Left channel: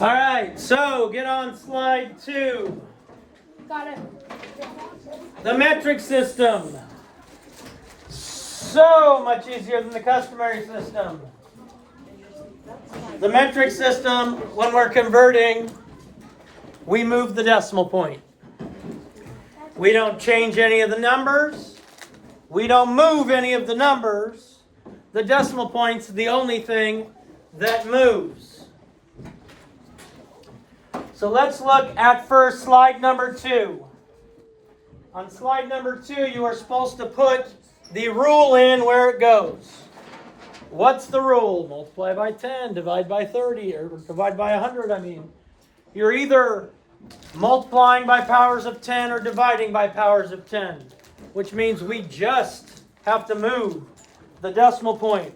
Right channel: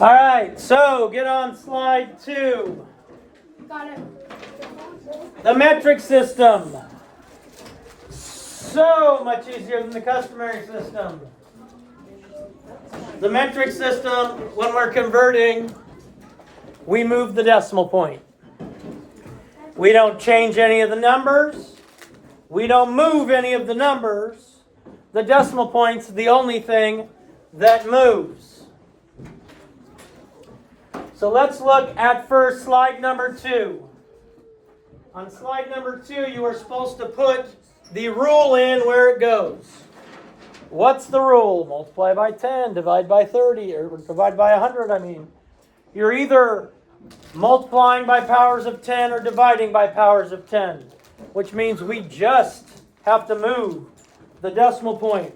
All right, so get on slide 2. Got it. The metric system. So much easier than the customary system. The metric system, when we're converting, we move the decimal point. We don't change any of the numbers. We don't move any of the numbers. The decimal point's the only thing that moves. So let's look at first slide number 2. On slide number 2, you are supposed to put the rule in where it goes. What's the rule? Multiply by 10, divide by 30, or divide by 100, I mean. You're either multiplying by powers of 10 or dividing by powers of 10, which means we just have to move the decimal point.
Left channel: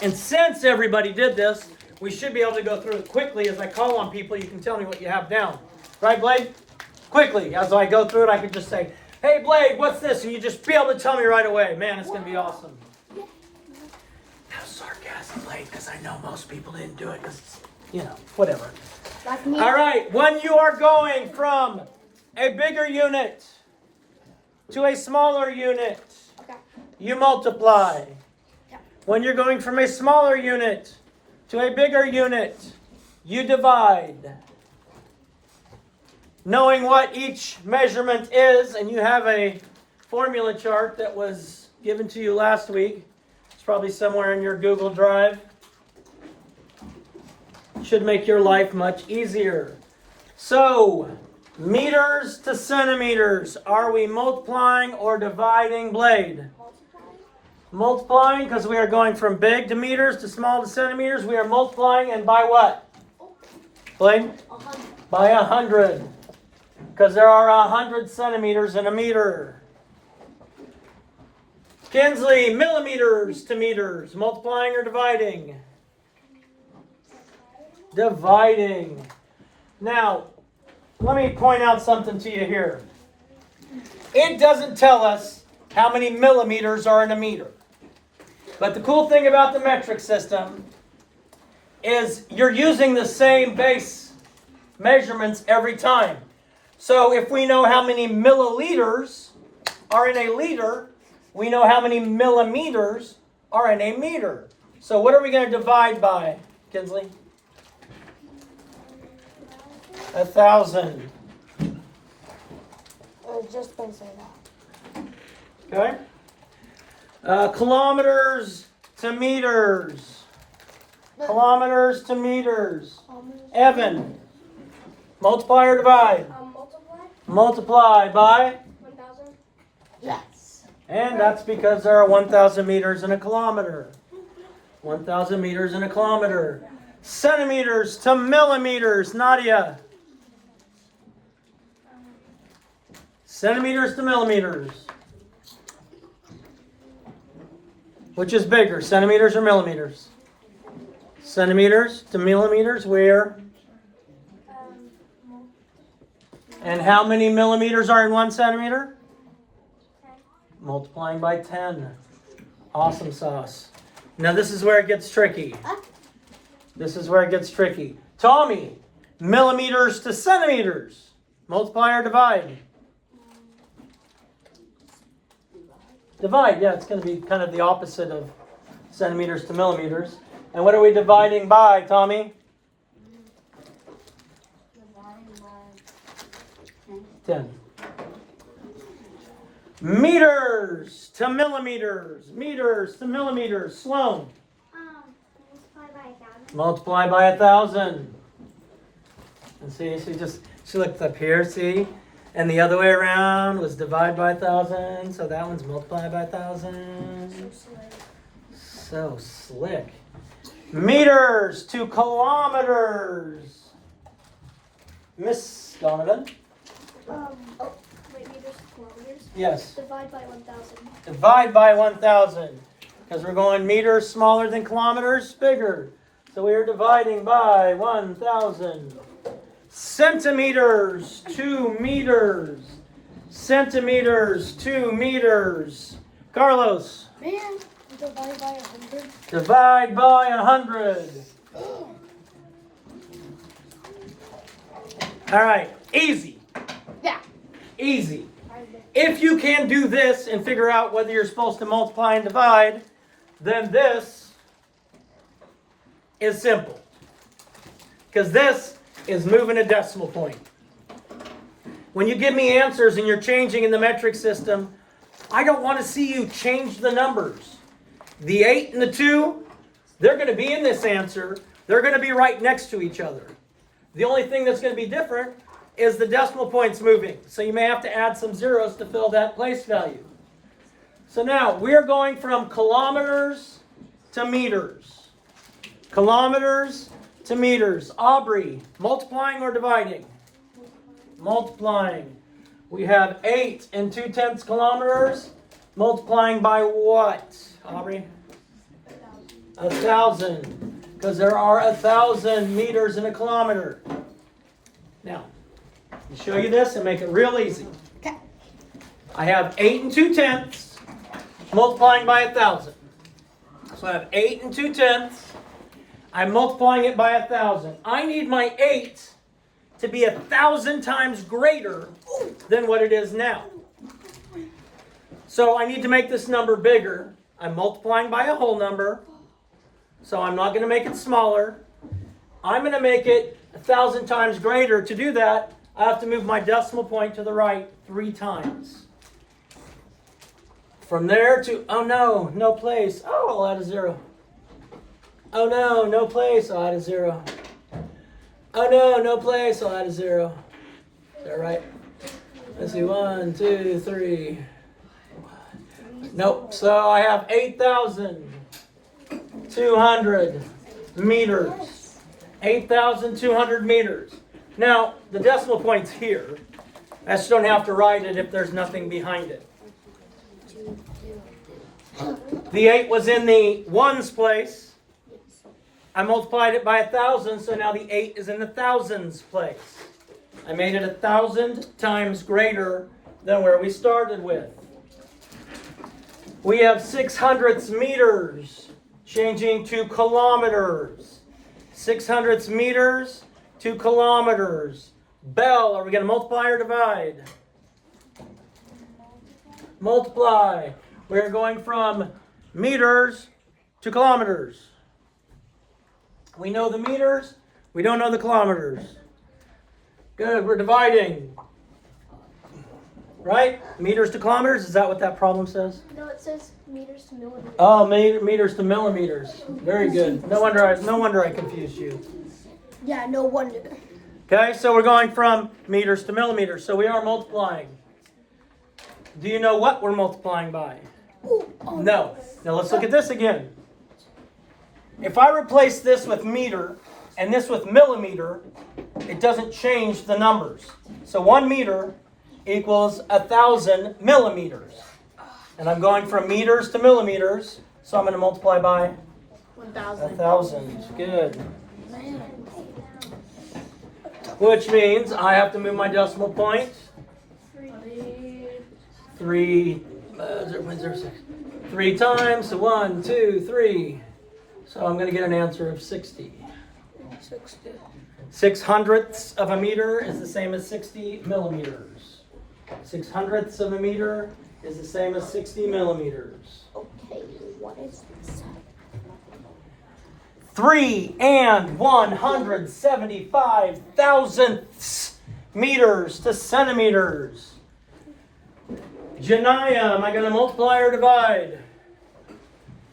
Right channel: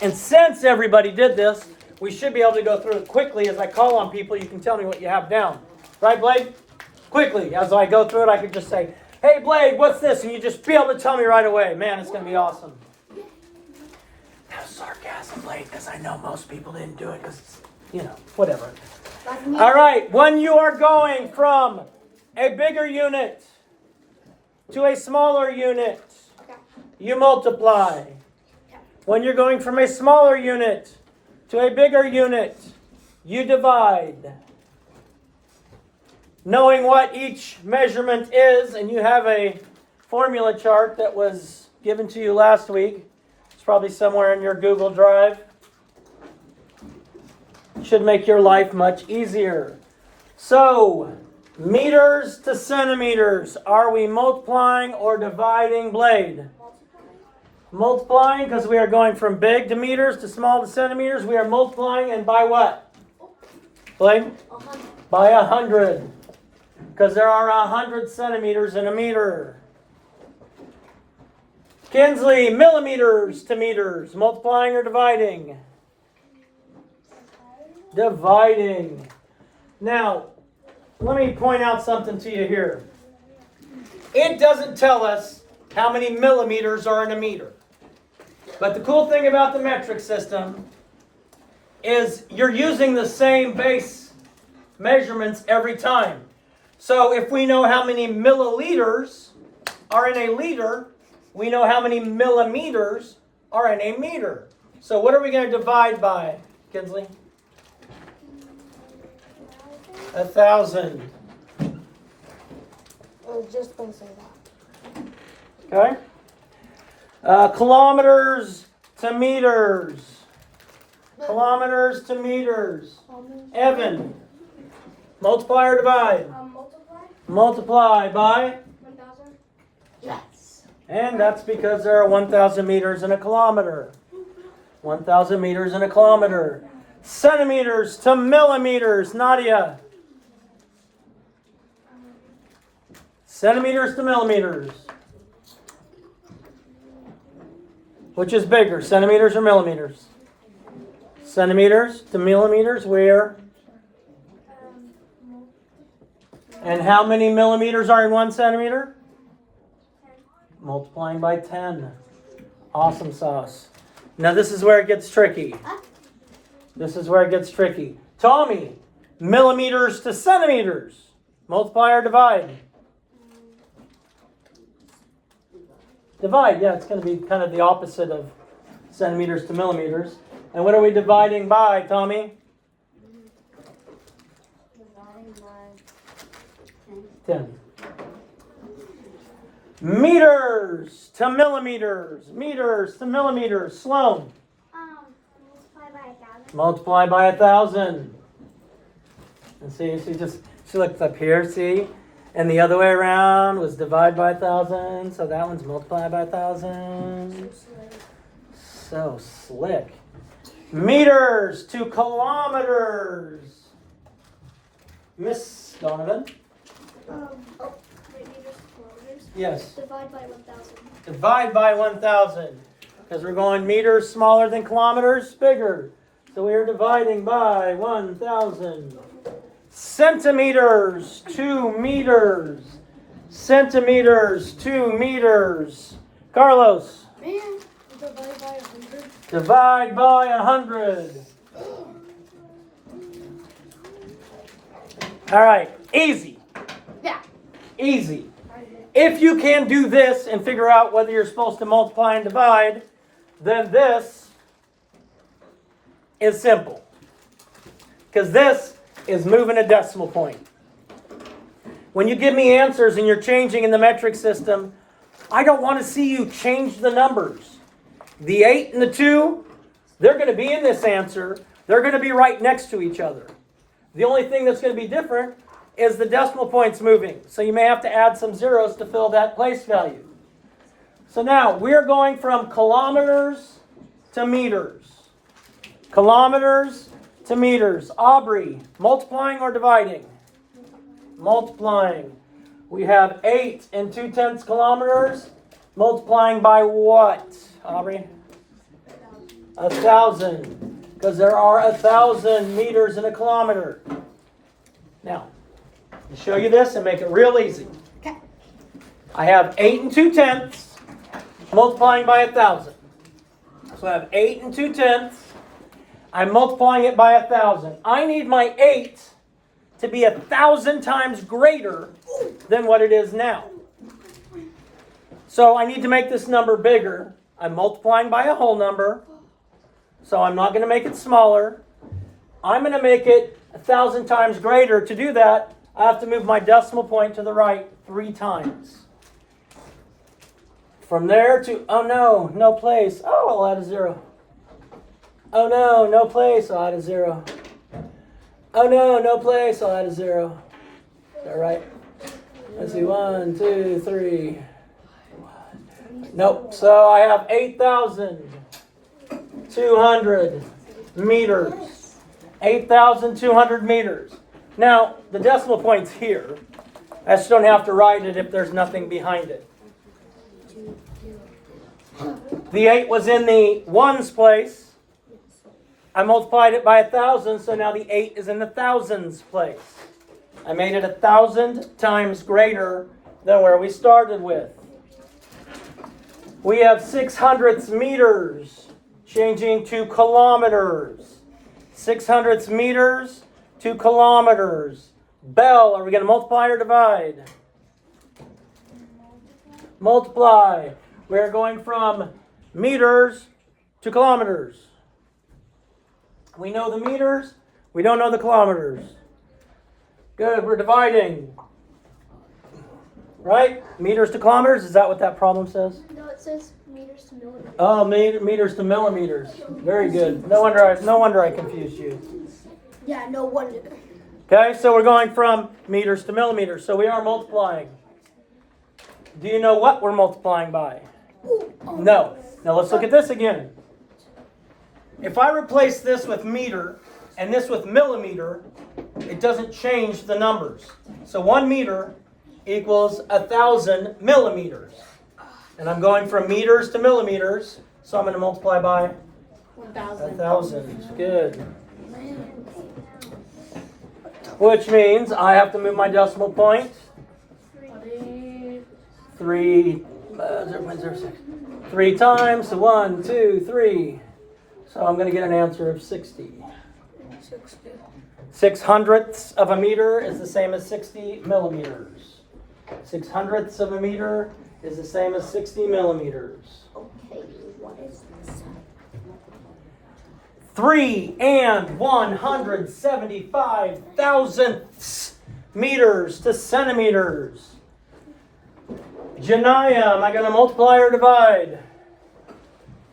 And since everybody did this, we should be able to go through it quickly. As I call on people, you can tell me what you have down. Right, Blade? Quickly. As I go through it, I could just say, hey, Blade, what's this? And you just be able to tell me right away. Man, it's going to be awesome. That was sarcasm, Blade, because I know most people didn't do it because, whatever. All right, when you are going from a bigger unit to a smaller unit, you multiply. When you're going from a smaller unit to a bigger unit, you divide. Knowing what each measurement is, and you have a formula chart that was given to you last week. It's probably somewhere in your Google Drive. Should make your life much easier. So, meters to centimeters. Are we multiplying or dividing, Blade? Multiplying, because we are going from big to meters to small to centimeters. We are multiplying, and by what? Blade? 100. By 100. Because there are 100 centimeters in a meter. Kinsley, millimeters to meters. Multiplying or dividing? Dividing. Now, let me point out something to you here. It doesn't tell us how many millimeters are in a meter. But the cool thing about the metric system is you're using the same base measurements every time. So if we know how many milliliters are in a liter, we know how many millimeters are in a meter. So what are we going to divide by, Kinsley? 1,000. Just don't say that. Okay. Kilometers to meters. Kilometers to meters. Evan, multiply or divide? Multiply. Multiply by? 1,000. Yes. And that's because there are 1,000 meters in a kilometer. 1,000 meters in a kilometer. Centimeters to millimeters. Nadia. Centimeters to millimeters. Which is bigger, centimeters or millimeters? Centimeters to millimeters, where? And how many millimeters are in 1 centimeter? 10. Multiplying by 10. Awesome sauce. Now this is where it gets tricky. This is where it gets tricky. Tommy, millimeters to centimeters. Multiply or divide? Divide, yeah, it's going to be kind of the opposite of centimeters to millimeters. And what are we dividing by, Tommy? Dividing by 10. Meters to millimeters. Meters to millimeters. Sloan. multiply by 1,000. Multiply by 1,000. And see, she looked up here, see? And the other way around was divide by 1,000. So that one's multiply by 1,000. So slick. Meters to kilometers. Miss Donovan? Meters to kilometers. Yes. Divide by 1,000. Divide by 1,000. Because we're going meters smaller than kilometers, bigger. So we are dividing by 1,000. Centimeters to meters. Centimeters to meters. Carlos. Man, divide by 100. Divide by 100. All right, easy. Yeah. Easy. If you can do this and figure out whether you're supposed to multiply and divide, then this is simple. Because this is moving a decimal point. When you give me answers and you're changing in the metric system, I don't want to see you change the numbers. The 8 and the 2, they're going to be in this answer. They're going to be right next to each other. The only thing that's going to be different is the decimal points moving. So you may have to add some zeros to fill that place value. So now we're going from kilometers to meters. Kilometers to meters. Aubrey, multiplying or dividing? Multiplying. We have 8 and 2/10 kilometers. Multiplying by what, Aubrey? 1,000. Because there are 1,000 meters in a kilometer. Now, to show you this and make it real easy. Okay. I have 8 and 2/10 multiplying by 1,000. So I have 8 and 2/10. I'm multiplying it by 1,000. I need my 8 to be 1,000 times greater than what it is now. So I need to make this number bigger. I'm multiplying by a whole number. So I'm not going to make it smaller. I'm going to make it 1,000 times greater. To do that, I have to move my decimal point to the right 3 times. From there to, oh no, no place. Oh, I'll add a 0. Oh no, no place, I'll add a 0. Oh no, no place, I'll add a 0. Is that right? Let's see, 1, 2, 3. Nope, so I have 8,200 meters. 8,200 meters. Now, the decimal point's here. I just don't have to write it if there's nothing behind it. The 8 was in the ones place. I multiplied it by 1,000, so now the 8 is in the thousands place. I made it 1,000 times greater than where we started with. We have 600ths meters, changing to kilometers. 600ths meters to kilometers. Bell, are we going to multiply or divide? Multiply. We're going from meters to kilometers. We know the meters. We don't know the kilometers. Good, we're dividing. Right? Meters to kilometers, is that what that problem says? No, it says meters to millimeters. Oh, meters to millimeters. Very good. No wonder I confused you. Yeah, no wonder. Okay, so we're going from meters to millimeters. So we are multiplying. Do you know what we're multiplying by? No. Now let's look at this again. If I replace this with meter and this with millimeter, it doesn't change the numbers. So 1 meter equals 1,000 millimeters. And I'm going from meters to millimeters, so I'm going to multiply by 1,000. 1,000. Good. Which means I have to move my decimal point 0.06. 3 times, so 1, 2, 3. So I'm going to get an answer of 60. 600ths of a meter is the same as 60 millimeters. 600ths of a meter is the same as 60 millimeters. Okay, what is this? 3 and 175 thousandths meters to centimeters. Janaya, am I going to multiply or divide?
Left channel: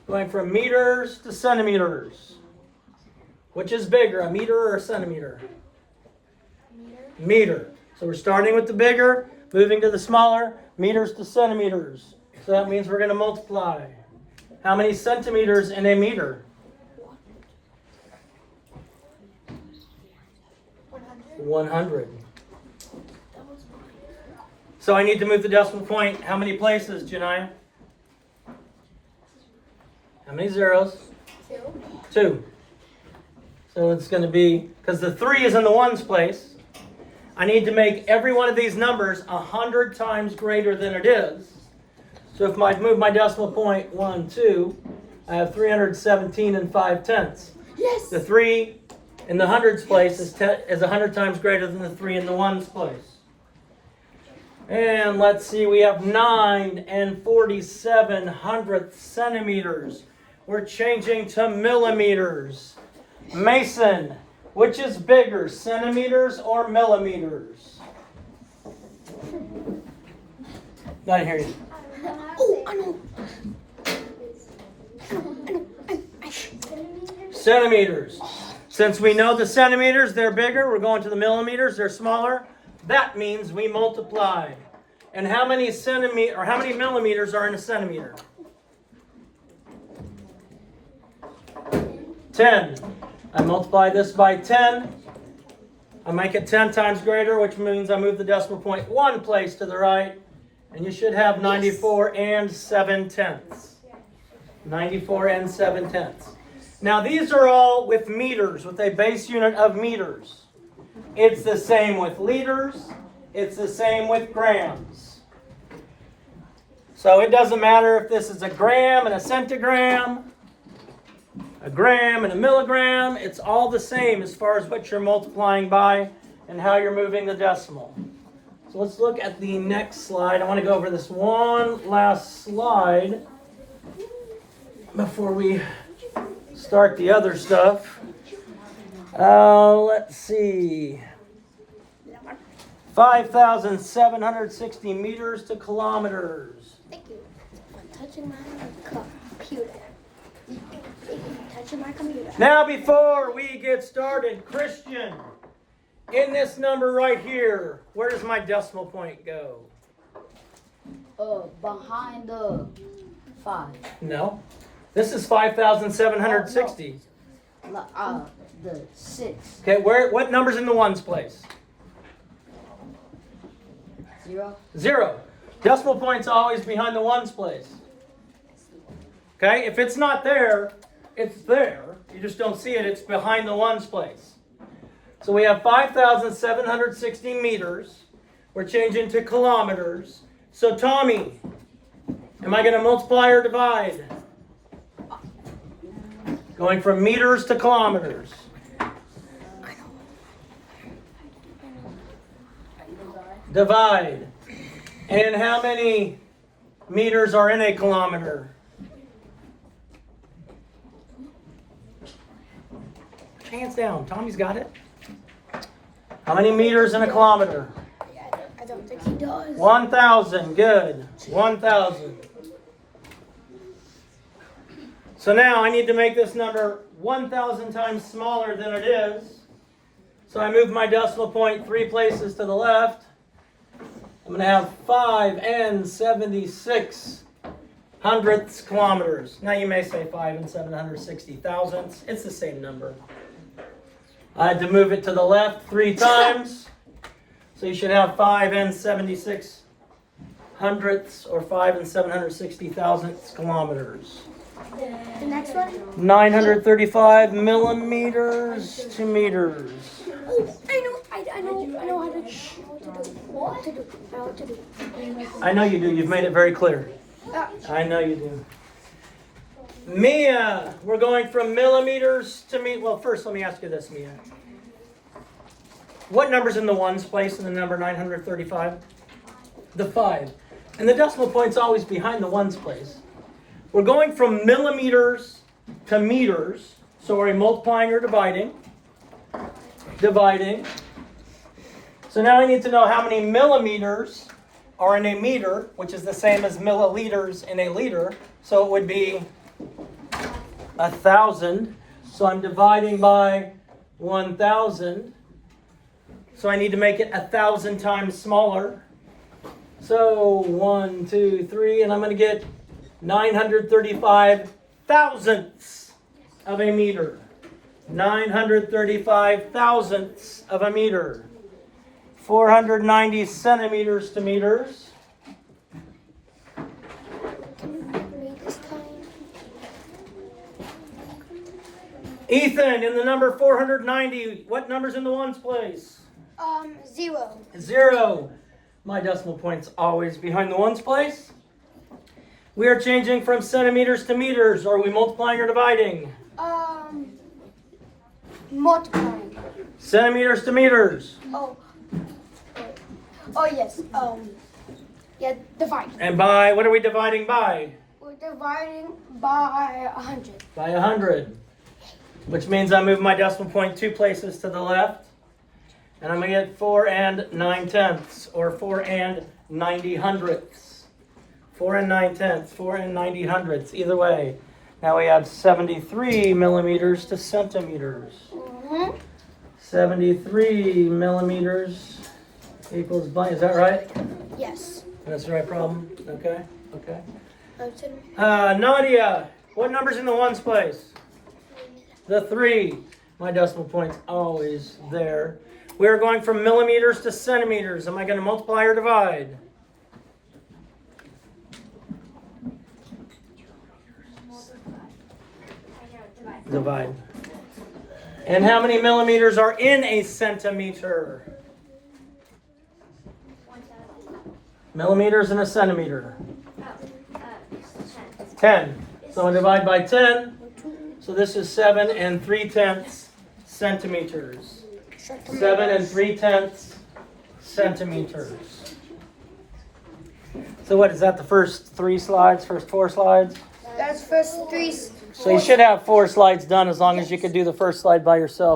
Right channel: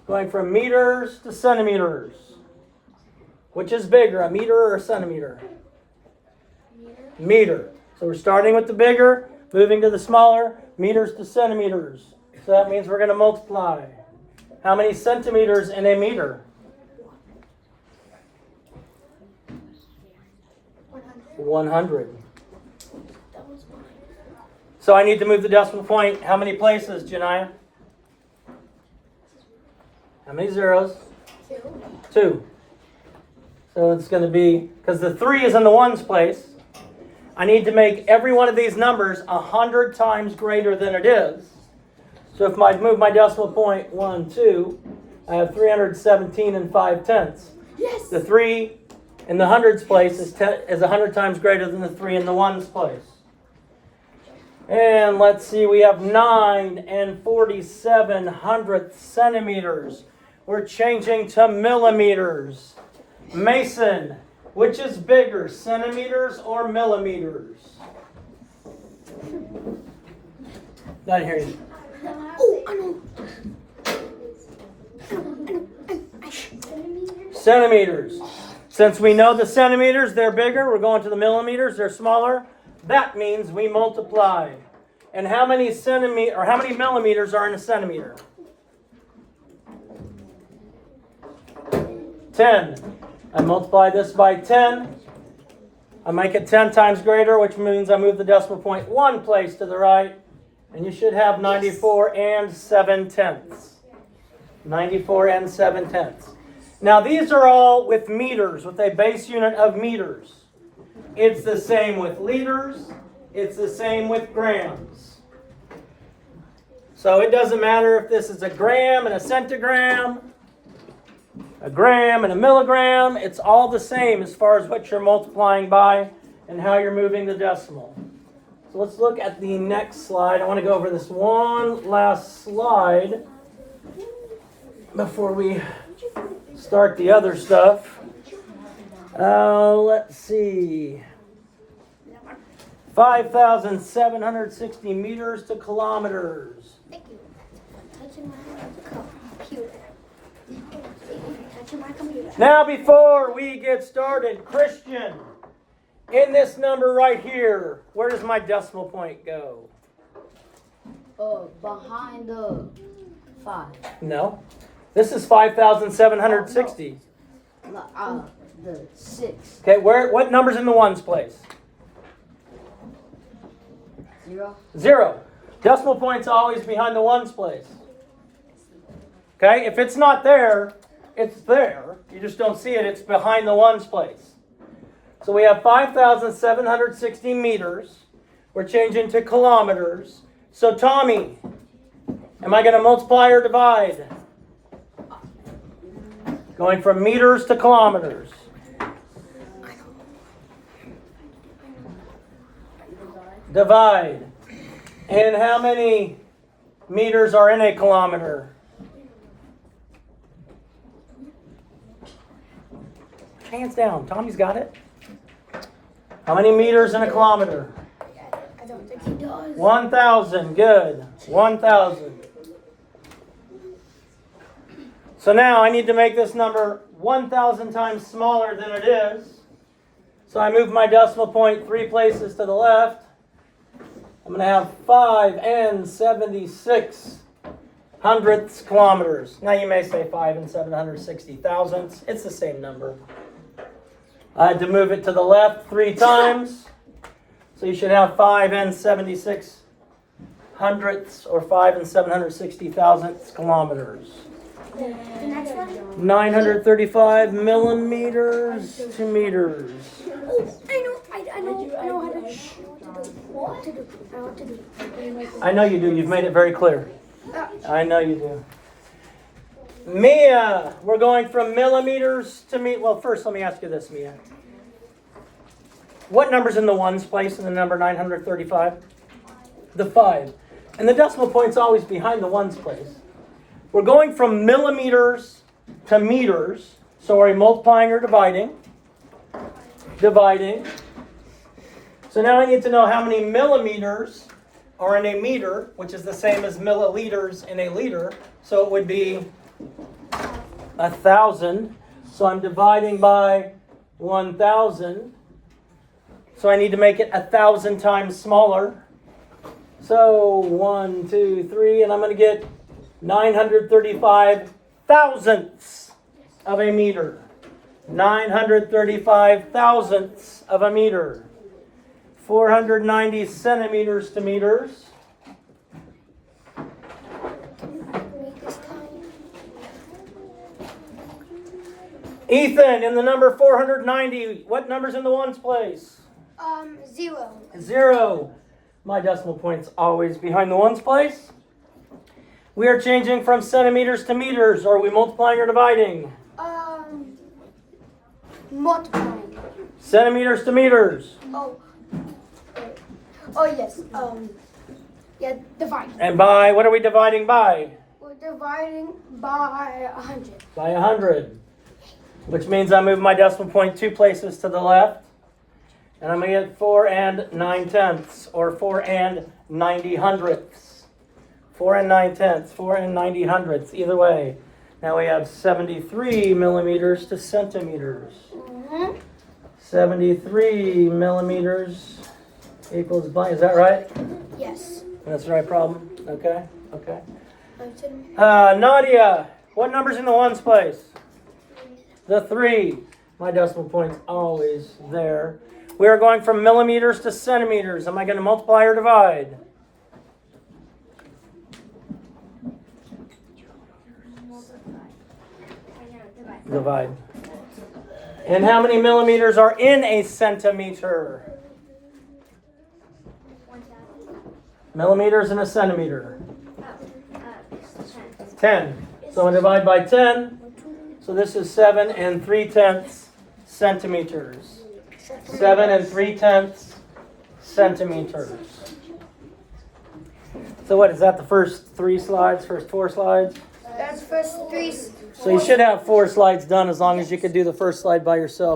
Going from meters to centimeters. Which is bigger, a meter or a centimeter? Meter. So we're starting with the bigger, moving to the smaller, meters to centimeters. So that means we're going to multiply. How many centimeters in a meter? 100. So I need to move the decimal point. How many places, Janaya? How many zeros? 2. So it's going to be, because the 3 is in the ones place, I need to make every one of these numbers 100 times greater than it is. So if I move my decimal point 1, 2, I have 317 and 5/10. Yes. The 3 in the hundreds place is 100 times greater than the 3 in the ones place. And let's see, we have 9 and 47 hundredths centimeters. We're changing to millimeters. Mason, which is bigger, centimeters or millimeters? Not here. Oh, I know. Centimeters. Since we know the centimeters, they're bigger. We're going to the millimeters, they're smaller. That means we multiply. And how many millimeters are in a centimeter? 10. I multiply this by 10. I make it 10 times greater, which means I move the decimal point 1 place to the right. And you should have 94 and 7/10. 94 and 7/10. Now these are all with meters, with a base unit of meters. It's the same with liters. It's the same with grams. So it doesn't matter if this is a gram and a centigram, a gram and a milligram. It's all the same as far as what you're multiplying by and how you're moving the decimal. So let's look at the next slide. I want to go over this one last slide before we start the other stuff. Let's see. 5,760 meters to kilometers. Thank you. Touching my computer. Touching my computer. Now before we get started, Christian, in this number right here, where does my decimal point go? Behind the 5. No. This is 5,760. The 6. Okay, what number's in the ones place? 0. 0. Decimal point's always behind the ones place. Okay, if it's not there, it's there. You just don't see it. It's behind the ones place. So we have 5,760 meters. We're changing to kilometers. So Tommy, am I going to multiply or divide? Going from meters to kilometers. Divide. And how many meters are in a kilometer? Hands down. Tommy's got it. How many meters in a kilometer? I don't think he does. 1,000. Good. 1,000. So now I need to make this number 1,000 times smaller than it is. So I move my decimal point 3 places to the left. I'm going to have 5 and 76 hundredths kilometers. Now you may say 5 and 760 thousandths. It's the same number. I had to move it to the left 3 times. So you should have 5 and 76 hundredths or 5 and 760 thousandths kilometers. The next one? 935 millimeters to meters. I know how to do. What to do? I know what to do. I know you do. You've made it very clear. I know you do. Mia, we're going from millimeters to meters. Well, first let me ask you this, Mia. What number's in the ones place in the number 935? The 5. And the decimal point's always behind the ones place. We're going from millimeters to meters. So are we multiplying or dividing? Dividing. So now I need to know how many millimeters are in a meter, which is the same as milliliters in a liter. So it would be 1,000. So I'm dividing by 1,000. So I need to make it 1,000 times smaller. So 1, 2, 3, and I'm going to get 935 thousandths of a meter. 935 thousandths of a meter. 490 centimeters to meters. Ethan, in the number 490, what number's in the ones place? 0. 0. My decimal point's always behind the ones place. We are changing from centimeters to meters. Are we multiplying or dividing? Multiplying. Centimeters to meters. Oh. Oh yes. Yeah. Divide. And by, what are we dividing by? We're dividing by 100. By 100. Which means I move my decimal point 2 places to the left. And I'm going to get 4 and 9/10, or 4 and 90 hundredths. 4 and 9/10, 4 and 90 hundredths, either way. Now we have 73 millimeters to centimeters. 73 millimeters equals blank. Is that right? Yes. That's the right problem. Okay. Okay. 10. Nadia, what number's in the ones place? The 3. My decimal point's always there. We are going from millimeters to centimeters. Am I going to multiply or divide? Divide. And how many millimeters are in a centimeter? Millimeters in a centimeter. 10. So I divide by 10. So this is 7 and 3/10 centimeters. 7 and 3/10 centimeters. So what, is that the first 3 slides, first 4 slides? That's first 3. So you should have 4 slides done as long as you could do the first slide by yourself.